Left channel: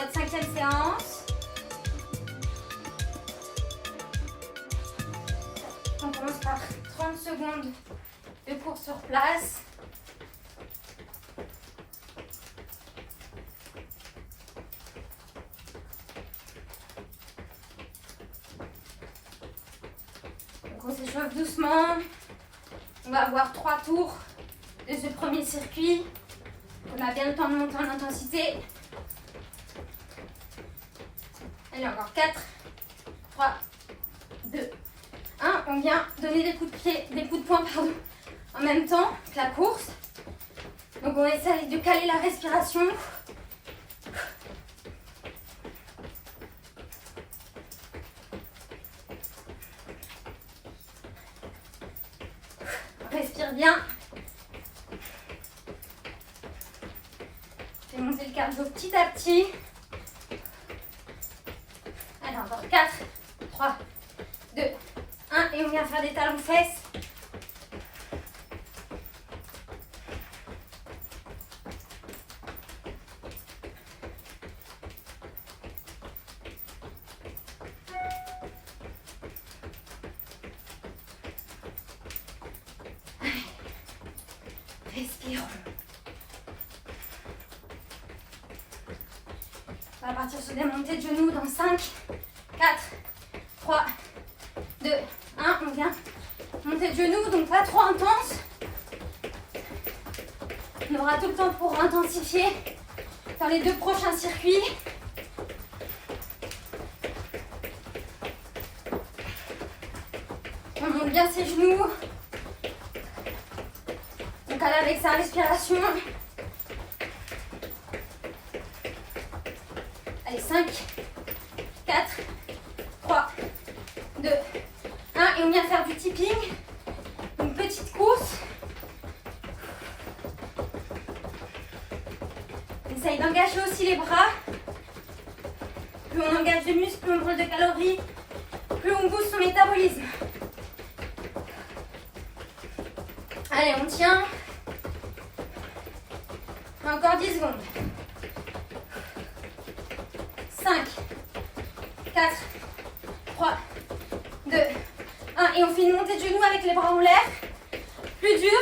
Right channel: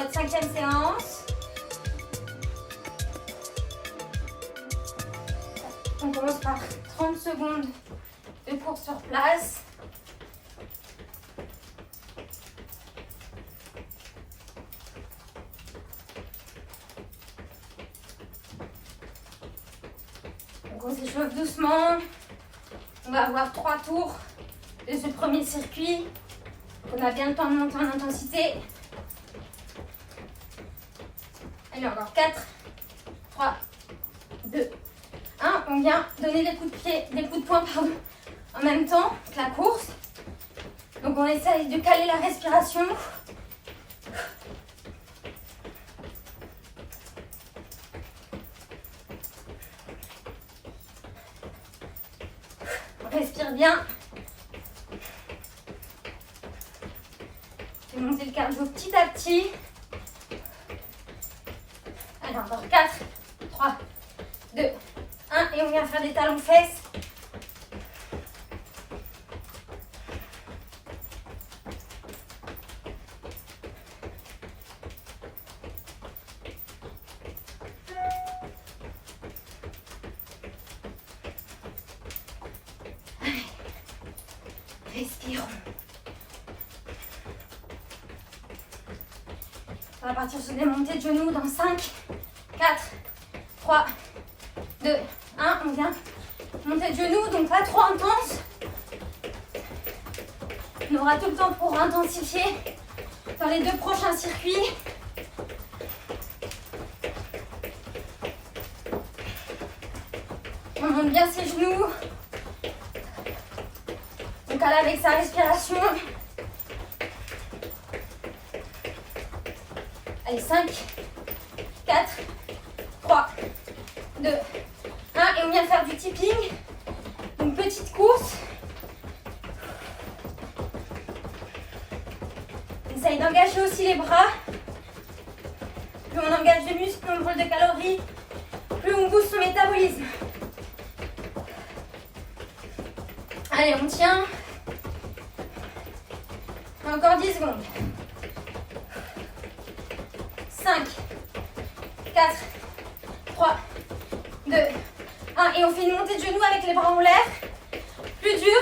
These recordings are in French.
notre 5e séance. On commence par 30 secondes de course sur place. Donc on s'échauffe doucement. On va avoir 3 tours de ce premier circuit. On a bien le temps de monter en intensité. Allez, encore 4, 3, 2, 1. On vient donner des coups de pied, des coups de poing, pardon, en même temps que la course. Donc on essaye de caler la respiration. On respire bien. Je vais monter le cardio petit à petit. Allez, encore 4, 3, 2, 1. Et on vient faire des talons fesses. Respirons. On va partir sur des montées de genoux dans 5, 4, 3, 2, 1. On vient monter de genoux, donc pas trop intense. On aura tout le temps pour intensifier dans les 2 prochains circuits. On monte bien ses genoux. On cale avec sa respiration. Allez, 5, 4, 3, 2, 1. Et on vient faire du tipping. Une petite course. On essaye d'engager aussi les bras. Plus on engage les muscles, plus on brûle de calories, plus on booste son métabolisme. Allez, on tient. Encore 10 secondes. 5, 4, 3, 2, 1. Et on fait une montée de genoux avec les bras en l'air. Plus dur.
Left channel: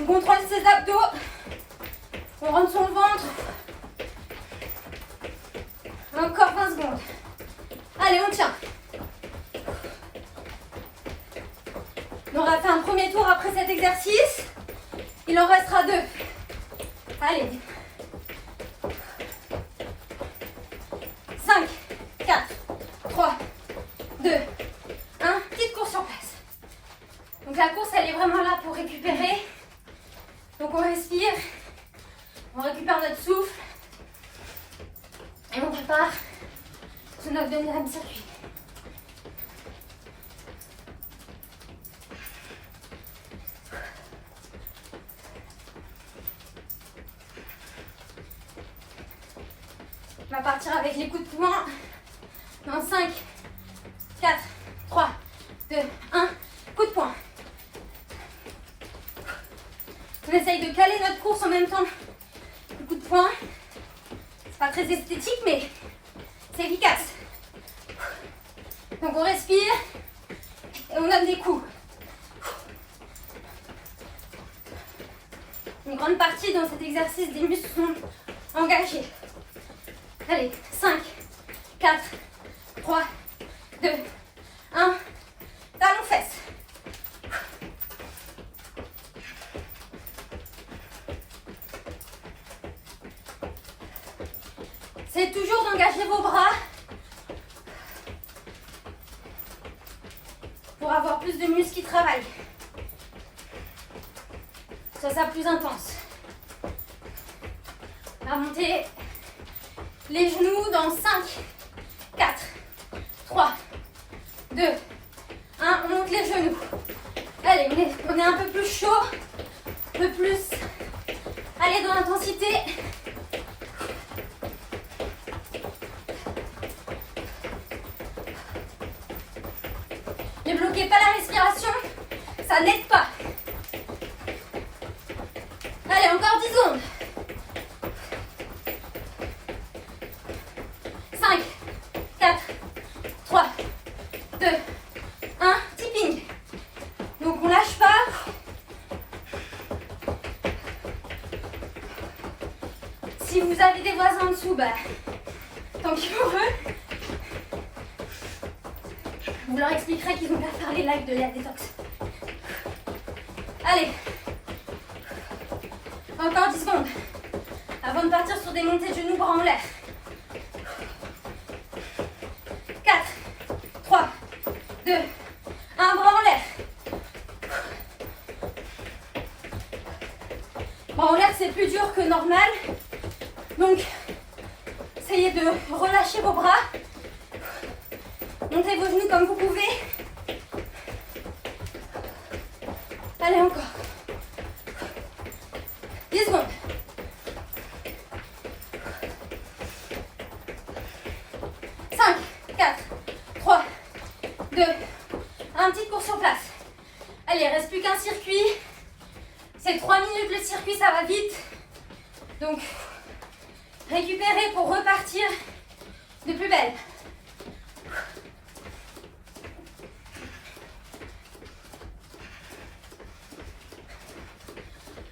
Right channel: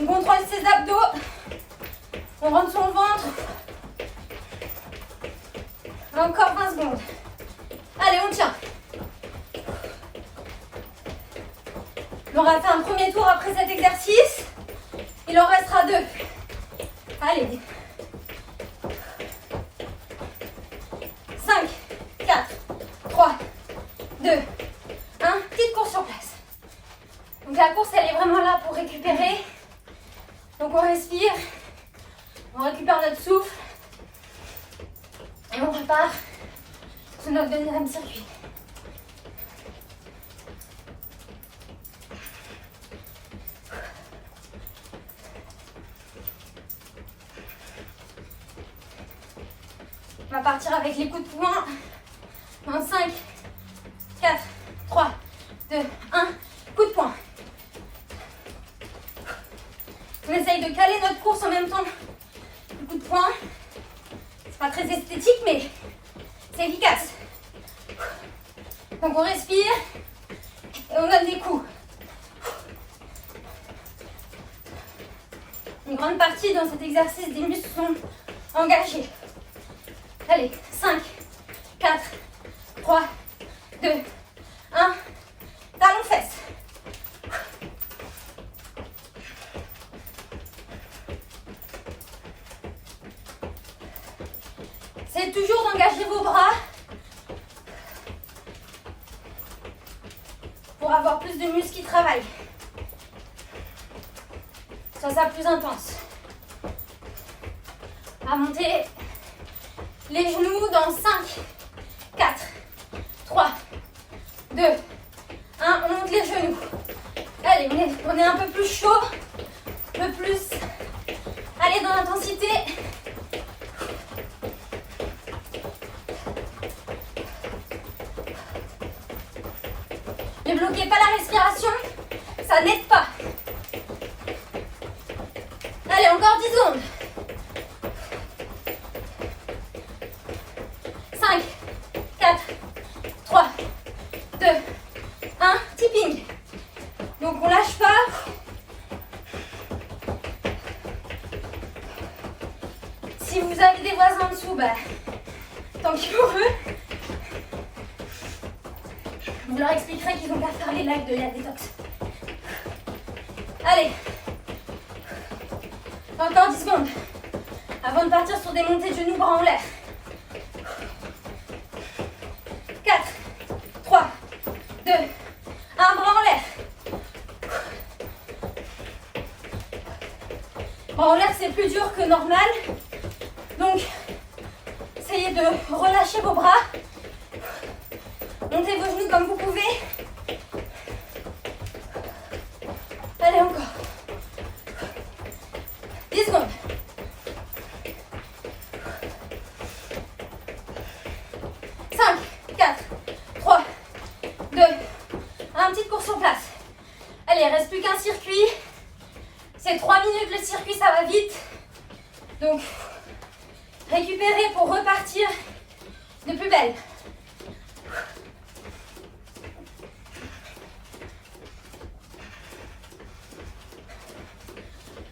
On contrôle ses abdos. On rentre son ventre. Encore 20 secondes. Allez, on tient. On aura fait un premier tour après cet exercice. Il en restera 2. Allez. 5, 4, 3, 2, 1. Petite course sur place. Donc la course, elle est vraiment là pour récupérer. Donc on respire. On récupère notre souffle. Et on prépare sur notre 2e circuit. On va partir avec les coups de poing. Dans 5, 4, 3, 2, 1. Coup de poing. On essaye de caler notre course en même temps. Le coup de poing. C'est pas très esthétique, mais c'est efficace. Donc on respire et on donne des coups. Une grande partie dans cet exercice des muscles sont engagés. Allez, 5, 4, 3, 2, 1. Talons fesses. C'est toujours d'engager vos bras pour avoir plus de muscles qui travaillent. Soit ça plus intense. On va monter les genoux dans 5, 4, 3, 2, 1. On monte les genoux. Allez, on est un peu plus chaud, un peu plus. Allez, dans l'intensité. Ne bloquez pas la respiration, ça n'aide pas. Allez, encore 10 secondes. Si vous avez des voisins en dessous, bah, tant pis pour eux. Vous leur expliquerez qu'ils n'ont qu'à faire les lives de l'air détox. Allez. Encore 10 secondes. Avant de partir sur des montées de genoux, bras en l'air. 4, 3, 2, 1, bras en l'air. Bras en l'air, c'est plus dur que normal. Donc, essayez de relâcher vos bras. Montez vos genoux comme vous pouvez. Allez, encore. 10 secondes. 5, 4, 3, 2, 1, petite course sur place. Allez, il ne reste plus qu'un circuit. C'est 3 minutes le circuit, ça va vite. Donc, récupérez pour repartir de plus belle.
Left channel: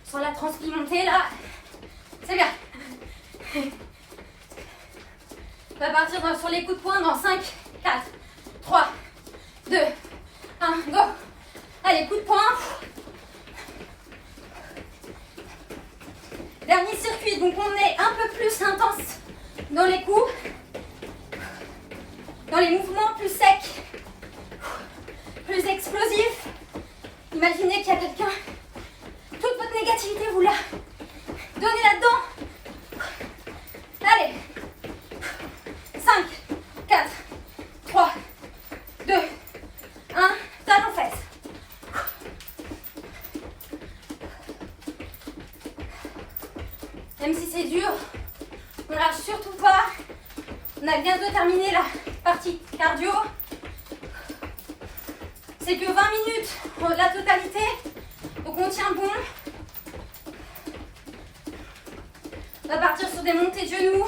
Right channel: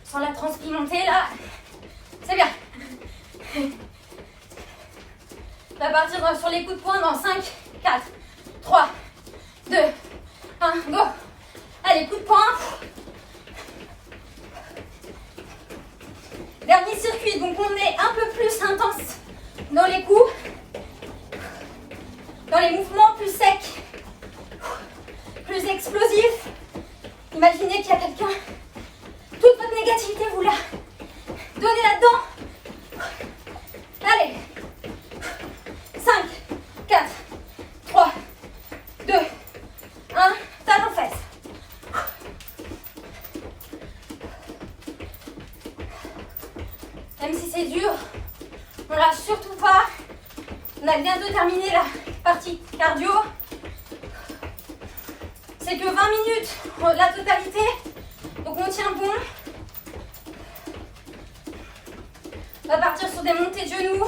Sur la transpi montée, là, c'est bien. On va partir sur les coups de poing dans 5, 4, 3, 2, 1, go. Allez, coup de poing. Dernier circuit, donc on est un peu plus intense dans les coups, dans les mouvements plus secs, plus explosifs. Imaginez qu'il y a quelqu'un, toute votre négativité, vous la donnez là-dedans. Allez, 5, 4, 3, 2, 1, talon fesse. Même si c'est dur, on lâche surtout pas. On a bientôt terminé la partie cardio. C'est que 20 minutes la totalité, donc on tient bon. On va partir sur des montées de genoux.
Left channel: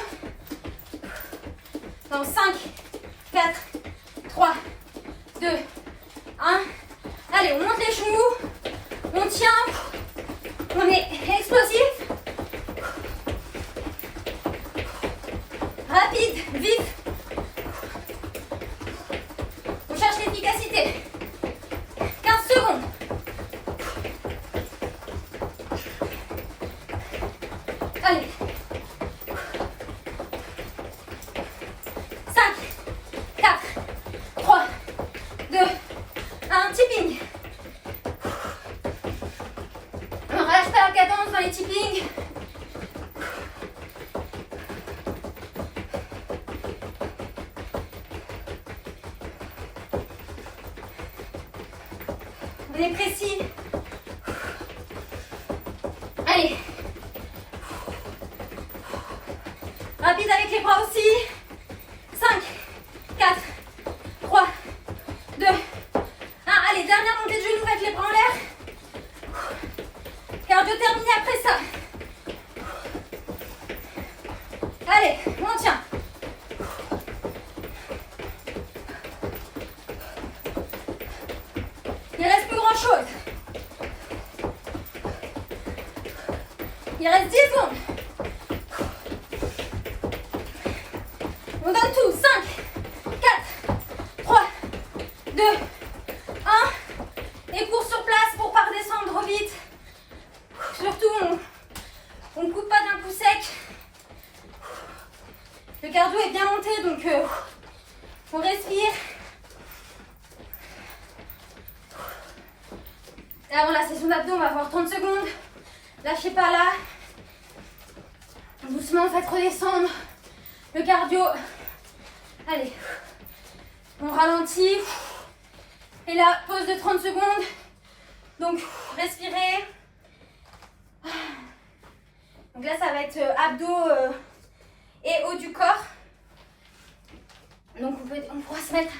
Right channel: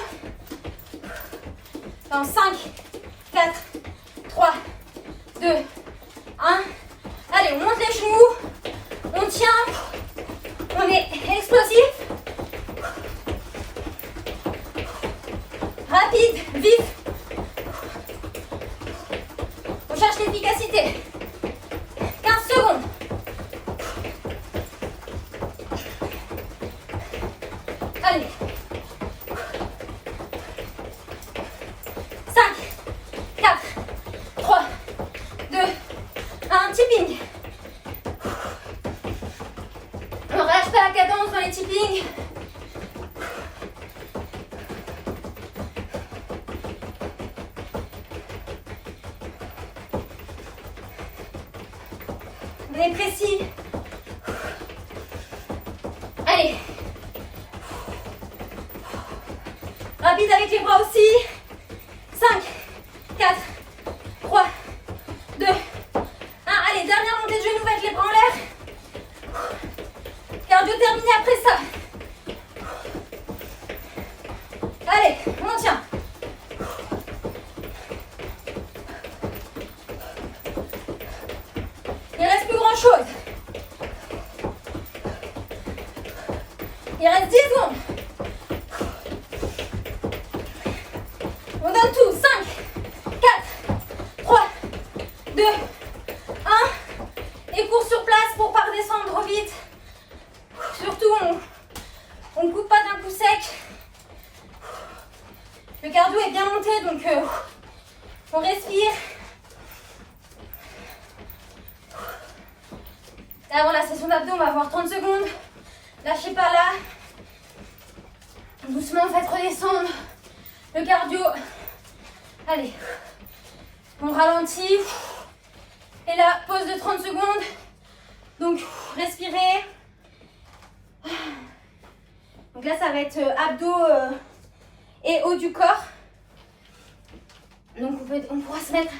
Dans 5, 4, 3, 2, 1. Allez, on monte les genoux. On tient. On est explosif. Rapide, vite. On cherche l'efficacité. 15 secondes. Allez. 5, 4, 3, 2, 1, tipping. On ne relâche pas la cadence dans les tippings. On est précis. Allez. Rapide avec les bras aussi. 5, 4, 3, 2, 1. Allez, dernière montée de genoux avec les bras en l'air. Cardio terminé après ça. Allez, on tient. Il ne reste plus grand chose. Il reste 10 secondes. On donne tout. 5, 4, 3, 2, 1. Et cours sur place pour pas redescendre vite. Surtout, on ne coupe pas d'un coup sec. Le cardio est bien monté, donc on respire. Et avant la session d'abdos, on va avoir 30 secondes. Lâchez pas là. Doucement, faites redescendre le cardio. Allez, on ralentit. Et là, pause de 30 secondes. Donc, respirez. Donc là, ça va être abdos et haut du corps. Donc, on pourra se mettre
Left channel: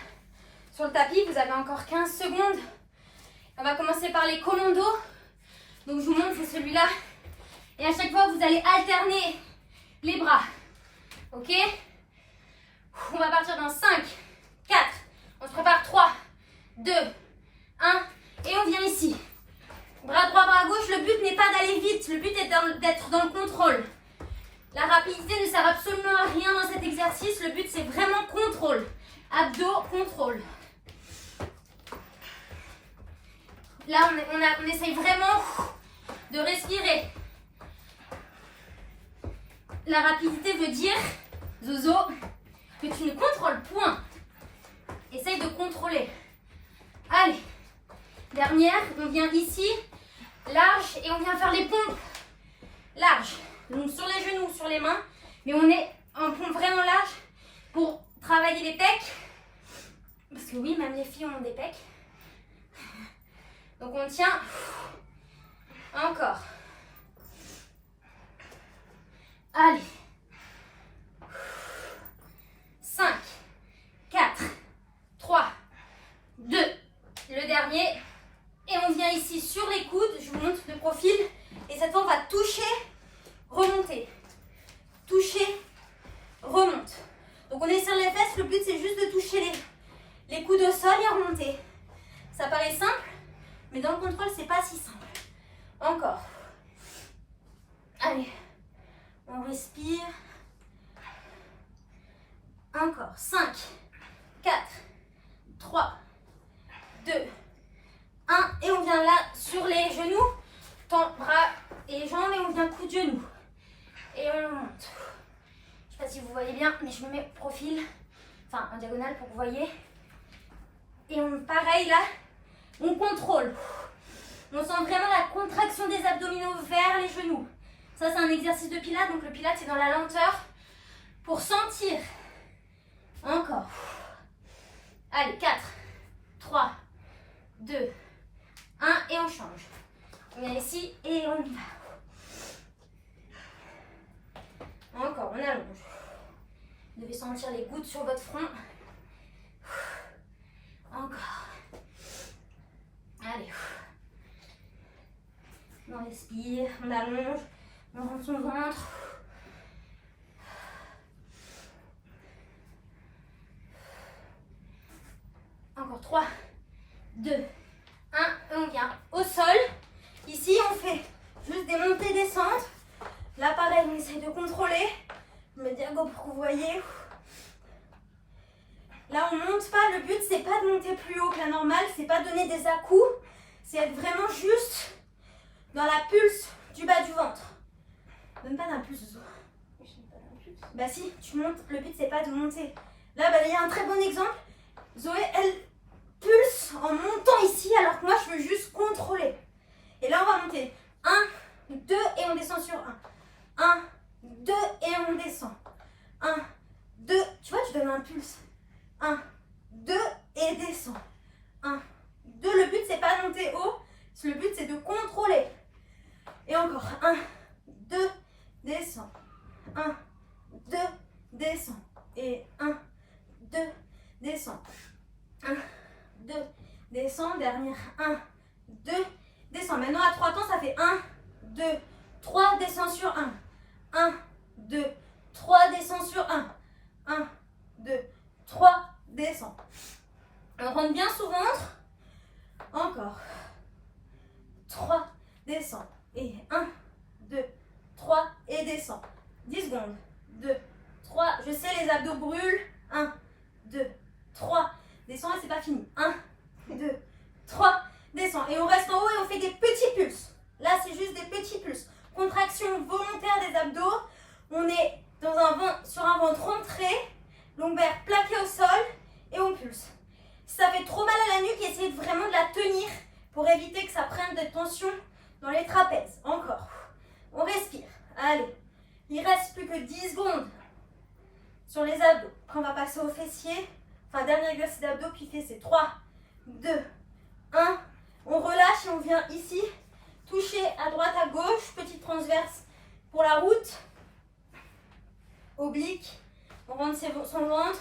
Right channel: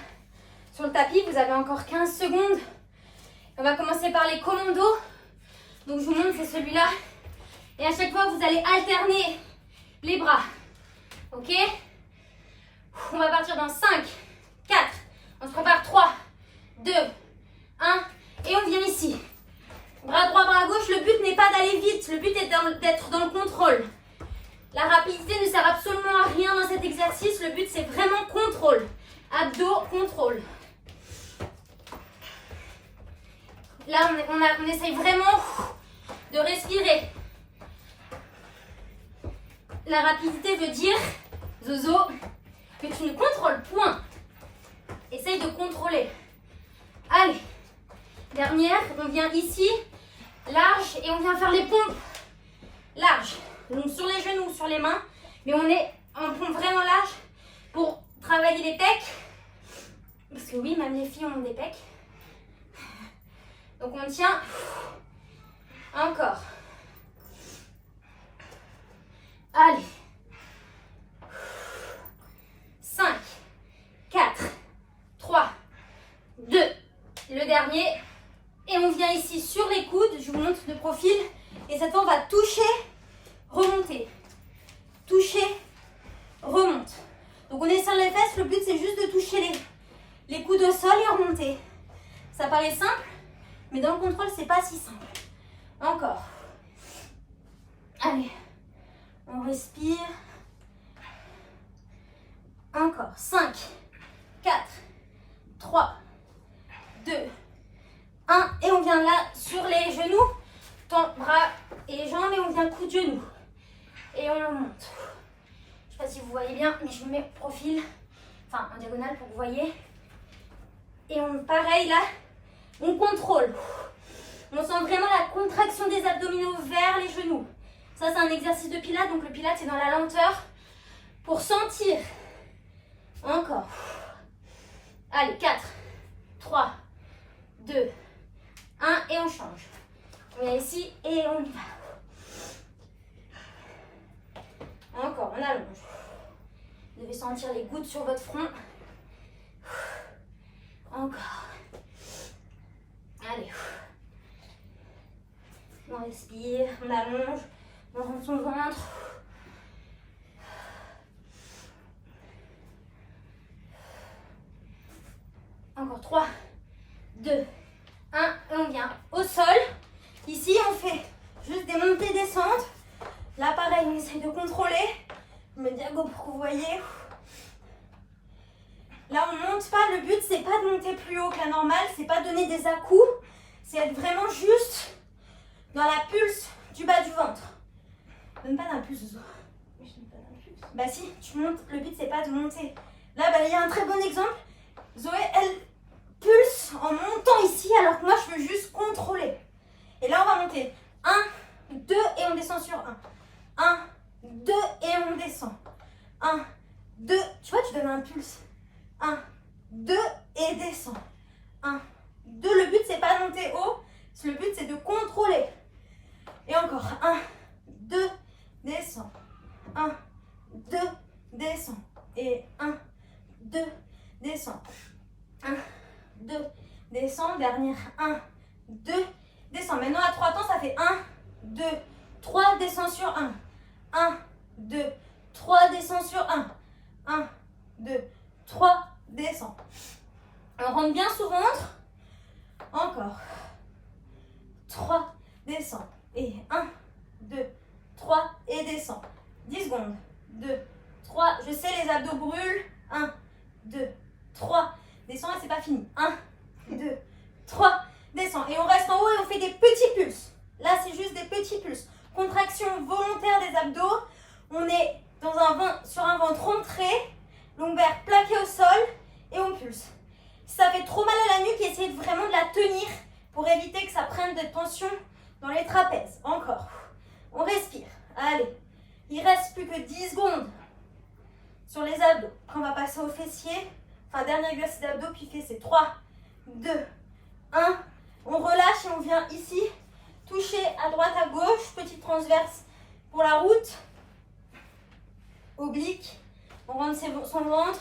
sur le tapis. Vous avez encore 15 secondes. On va commencer par les commandos. Donc, je vous montre, c'est celui-là. Et à chaque fois, vous allez alterner les bras. Ok? On va partir dans 5, 4. On se prépare 3, 2, 1. Et on vient ici. Bras droit, bras gauche. Le but n'est pas d'aller vite. Le but est d'être dans le contrôle. La rapidité ne sert absolument à rien dans cet exercice. Le but, c'est vraiment contrôle. Abdos, contrôle. Là, on essaye vraiment de respirer. La rapidité veut dire, Zozo, que tu ne contrôles point. Essaye de contrôler. Allez. Dernière, on vient ici, large, et on vient faire les pompes. Large. Donc sur les genoux, sur les mains. Mais on est en pompe vraiment large pour travailler les pecs. Parce que oui, même les filles ont des pecs. Donc on tient. Encore. Allez. 5, 4, 3, 2. Le dernier. Et on vient ici sur les coudes. Je vous montre de profil. Et cette fois, on va toucher, remonter. Toucher, remonte. Donc on est sur les fesses. Le but, c'est juste de toucher les coudes au sol et remonter. Ça paraît simple. Mais dans le contrôle, c'est pas si simple. Encore. Allez. On respire. Encore. 5, 4, 3, 2, 1. Et on vient là sur les genoux. Bras et jambes et on vient coup de genou. Et on monte. Je ne sais pas si vous voyez bien, mais je me mets profil. Enfin, en diagonale pour que vous voyez. Et on, pareil là. On contrôle. On sent vraiment la contraction des abdominaux vers les genoux. Ça, c'est un exercice de pilates. Donc, le pilates, c'est dans la lenteur pour sentir. Encore. Allez, 4, 3, 2, 1. Et on change. On vient ici et on y va. Encore, on allonge. Vous devez sentir les gouttes sur votre front. Encore. Allez. On respire, on allonge, on rentre son ventre. Encore 3, 2, 1. Et on vient au sol. Ici, on fait juste des montées, descentes. Là, pareil, on essaye de contrôler. Je me diago pour que vous voyez. Là, on ne monte pas. Le but, c'est pas de monter plus haut que la normale. C'est pas donner des à-coups. C'est être vraiment juste dans la pulse du bas du ventre. Donne pas d'impulse, Zozo. Bah si, tu montes. Le but, c'est pas de monter. Là, bah, il y a un très bon exemple. Zoé, elle pulse en montant ici, alors que moi, je veux juste contrôler. Et là, on va monter. 1, 2, et on descend sur 1. 1, 2, et on descend. 1, 2, tu vois, tu donnes un pulse. 1, 2, et descend. 1, 2, le but, c'est pas de monter haut. Le but, c'est de contrôler. Et encore. 1, 2, descend. 1, 2, descend. Et 1, 2, descend. 1, 2, descend. Dernière. 1, 2, descend. Maintenant, à 3 temps, ça fait 1, 2, 3, descend sur 1. 1, 2, 3, descend sur 1. 1, 2, 3, descend. On rentre bien sous ventre. Encore. 3, descend. Et 1, 2, 3, et descend. 10 secondes. 2, 3. Je sais, les abdos brûlent. 1, 2, 3. Descend et c'est pas fini. 1, 2, 3. Descend. Et on reste en haut et on fait des petits pulses. Là, c'est juste des petits pulses. Contraction volontaire des abdos. On est sur un ventre rentré. Lombaire plaqué au sol. Et on pulse. Si ça fait trop mal à la nuque, essayez vraiment de la tenir pour éviter que ça prenne des tensions dans les trapèzes. Encore. On respire. Allez. Il reste plus que 10 secondes sur les abdos. On va passer aux fessiers. Enfin, dernier exercice d'abdos puis fessiers. 3, 2, 1. On relâche et on vient ici toucher à droite, à gauche. Petite transverse pour la route. Oblique. On rentre son ventre.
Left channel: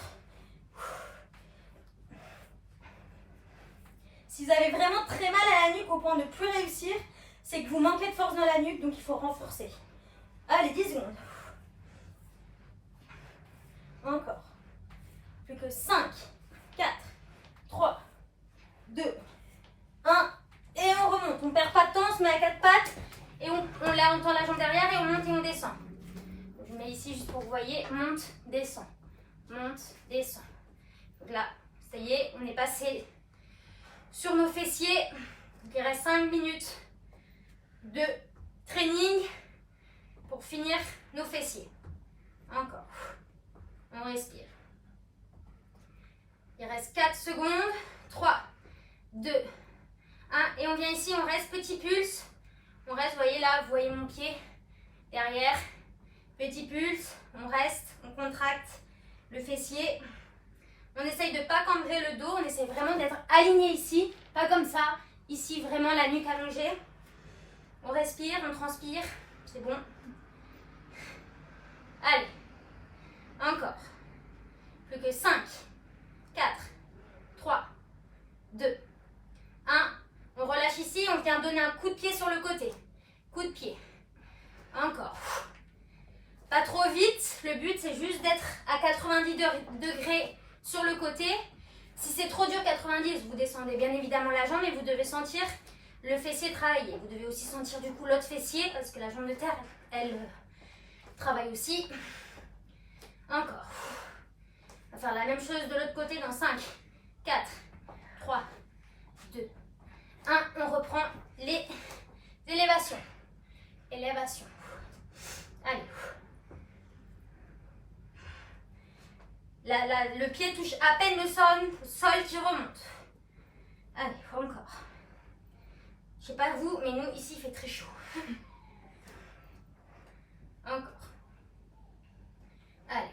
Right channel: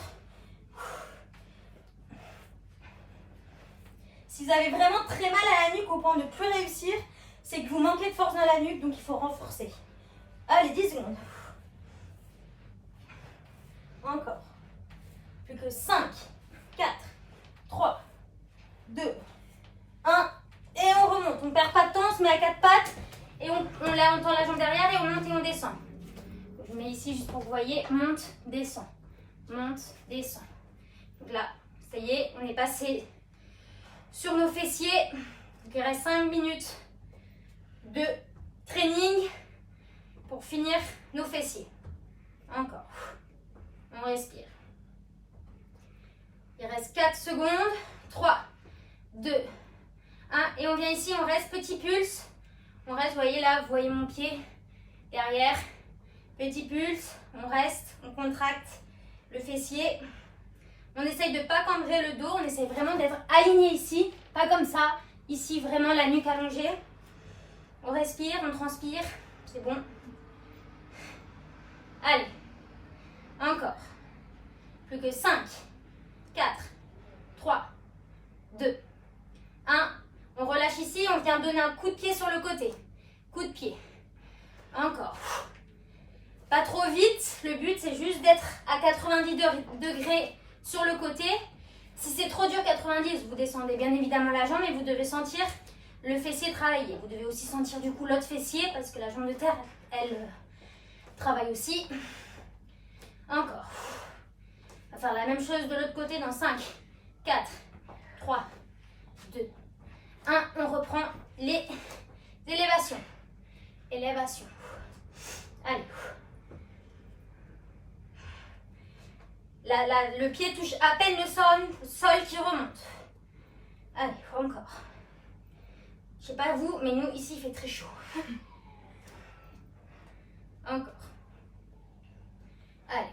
Si vous avez vraiment très mal à la nuque au point de ne plus réussir, c'est que vous manquez de force dans la nuque, donc il faut renforcer. Allez, 10 secondes. Encore. Plus que 5, 4, 3, 2, 1. Et on remonte. On ne perd pas de temps, on se met à 4 pattes. Et on tend la jambe derrière et on monte et on descend. Je Je mets ici juste pour que vous voyez, monte, descend. Monte, descend. Donc là, ça y est, on est passé sur nos fessiers. Donc il reste 5 minutes de training pour finir nos fessiers. Encore. On respire. Il reste 4 secondes. 3, 2, 1. Et on vient ici, on reste petit pulse. On reste, vous voyez là, vous voyez mon pied derrière. Petit pulse. On reste, on contracte le fessier. On essaye de ne pas cambrer le dos. On essaye vraiment d'être aligné ici. Pas comme ça. Ici, vraiment la nuque allongée. On respire, on transpire. C'est bon. Allez. Encore. Plus que 5, 4, 3, 2, 1. On relâche ici. On vient donner un coup de pied sur le côté. Coup de pied. Encore. Pas trop vite. Le but, c'est juste d'être à 90 degrés sur le côté. Si c'est trop dur 90, vous descendez bien évidemment la jambe et vous devez sentir le fessier travailler. Vous devez aussi sentir du coup l'autre fessier parce que la jambe de terre, elle travaille aussi. Encore. On va faire la même chose de l'autre côté dans 5, 4, 3, 2, 1. On reprend les élévations. Élévation. Allez. Le pied touche à peine le sol qui remonte. Allez, encore. Je sais pas vous, mais nous, ici, il fait très chaud. Encore. Allez.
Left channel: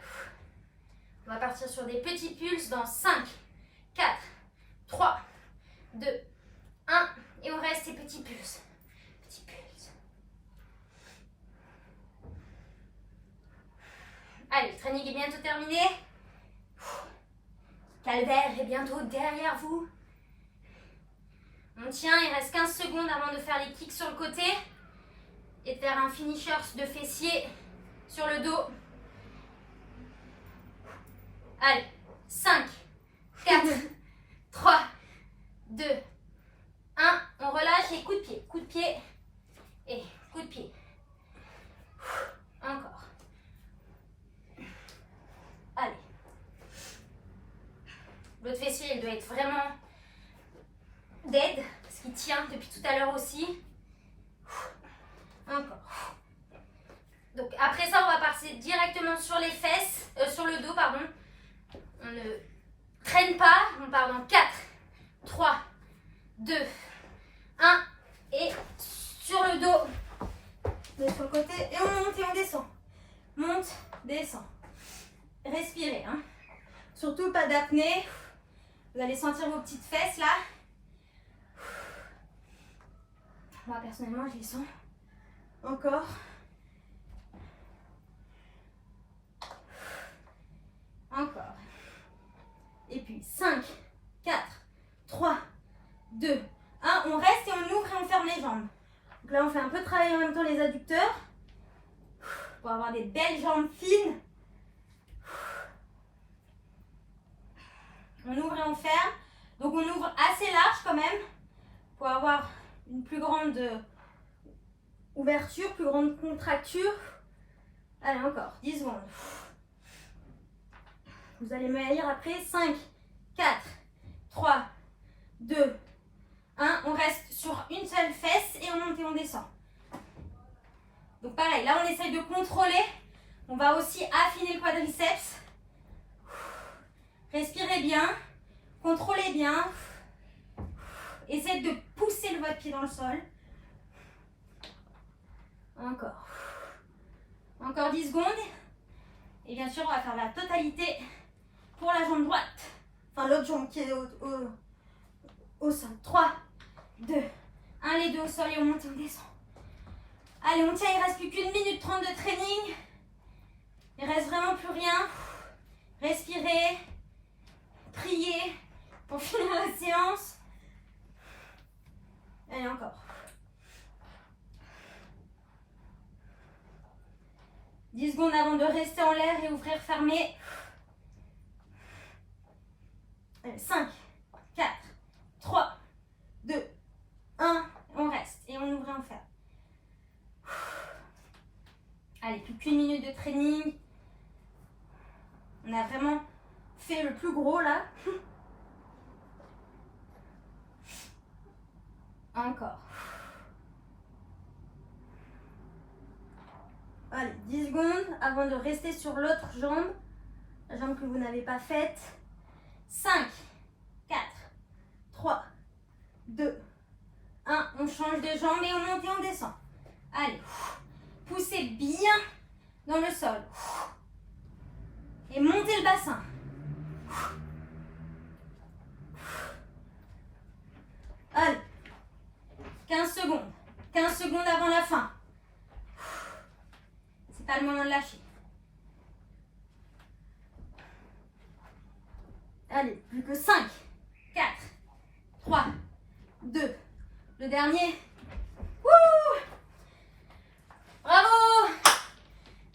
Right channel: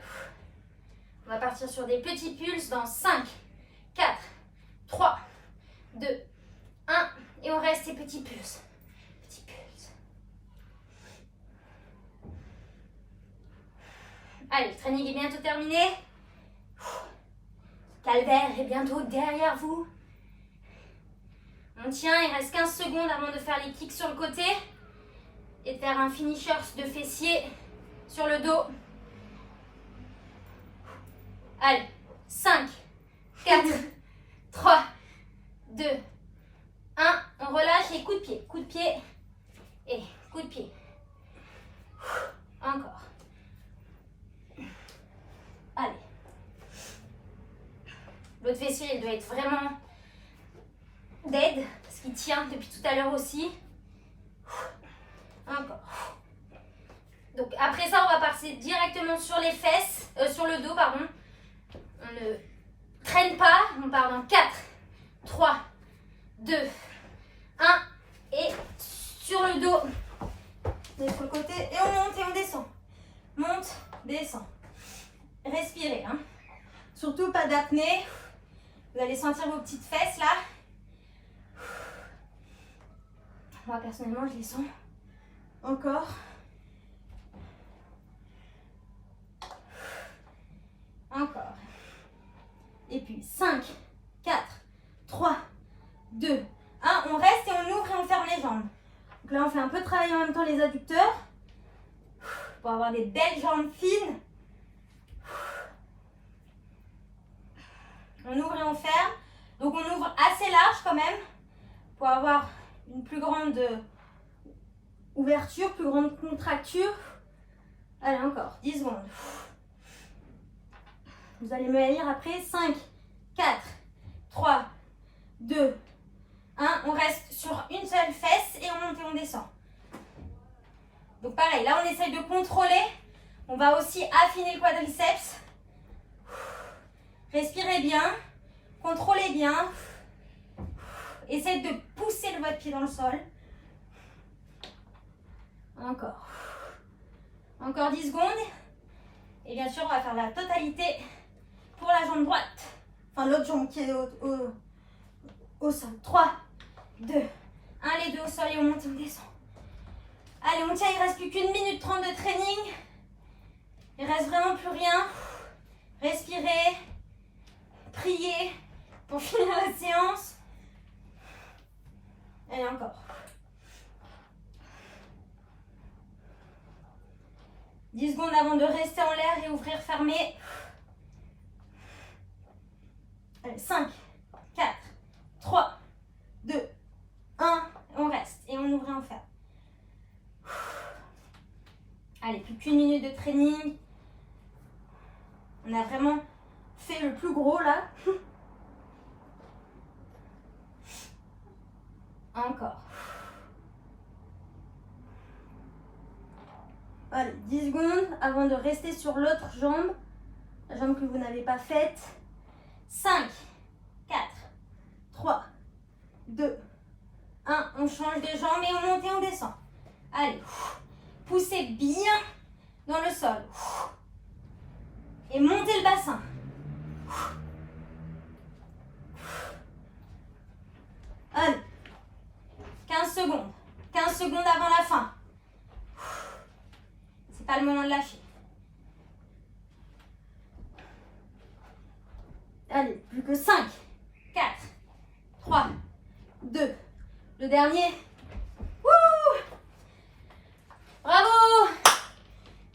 On va partir sur des petits pulses dans 5, 4, 3, 2, 1. Et on reste ces petits pulses. Petits pulses. Allez, le training est bientôt terminé. Calvaire est bientôt derrière vous. On tient, il reste 15 secondes avant de faire les kicks sur le côté et de faire un finisher de fessier sur le dos. Allez, 5, 4, 3, 2, 1. On relâche et coup de pied et coup de pied. Encore. Allez. L'autre fessier, il doit être vraiment dead, parce qu'il tient depuis tout à l'heure aussi. Encore. Donc après ça, on va passer directement sur les fesses, sur le dos, pardon. On ne traîne pas, on part dans 4, 3, 2, 1. Et sur le dos, on est sur le côté, et on monte et on descend. Monte, descend. Respirez, hein. Surtout pas d'apnée. Vous allez sentir vos petites fesses là. Moi personnellement je les sens. Encore. Encore. Et puis 5, 4, 3, 2, 1. On reste et on ouvre et on ferme les jambes. Donc là on fait un peu travailler en même temps les adducteurs. Pour avoir des belles jambes fines. On ouvre et on ferme. Donc on ouvre assez large quand même pour avoir une plus grande ouverture, plus grande contracture. Allez, encore 10 secondes. Vous allez me lire après. 5, 4, 3, 2, 1. On reste sur une seule fesse et on monte et on descend. Donc pareil, là on essaye de contrôler. On va aussi affiner le quadriceps. Respirez bien, contrôlez bien. Essayez de pousser votre pied dans le sol. Encore. Encore 10 secondes. Et bien sûr, on va faire la totalité pour la jambe droite. Enfin, l'autre jambe qui est au sol. 3, 2, 1. Les deux au sol et on monte et on descend. Allez, on tient, il ne reste plus qu'une minute 30 de training. Il ne reste vraiment plus rien. Respirez. Priez pour finir la séance. Et encore. 10 secondes avant de rester en l'air et ouvrir, fermer. Allez, 5, 4, 3, 2, 1. On reste et on ouvre et on ferme. Allez, plus plus qu'une minute de training. On a vraiment fait le plus gros là. Encore. Allez, 10 secondes avant de rester sur l'autre jambe. La jambe que vous n'avez pas faite. 5, 4, 3, 2, 1. On change de jambe et on monte et on descend. Allez, poussez bien dans le sol. Et montez le bassin. Allez, 15 secondes. 15 secondes avant la fin. C'est pas le moment de lâcher. Allez, plus que 5, 4, 3, 2. Le dernier. Wouh! Bravo!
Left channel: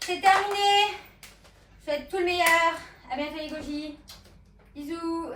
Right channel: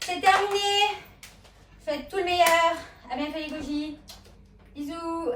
C'est terminé. Je vous souhaite tout le meilleur. À bientôt les gojis. Bisous.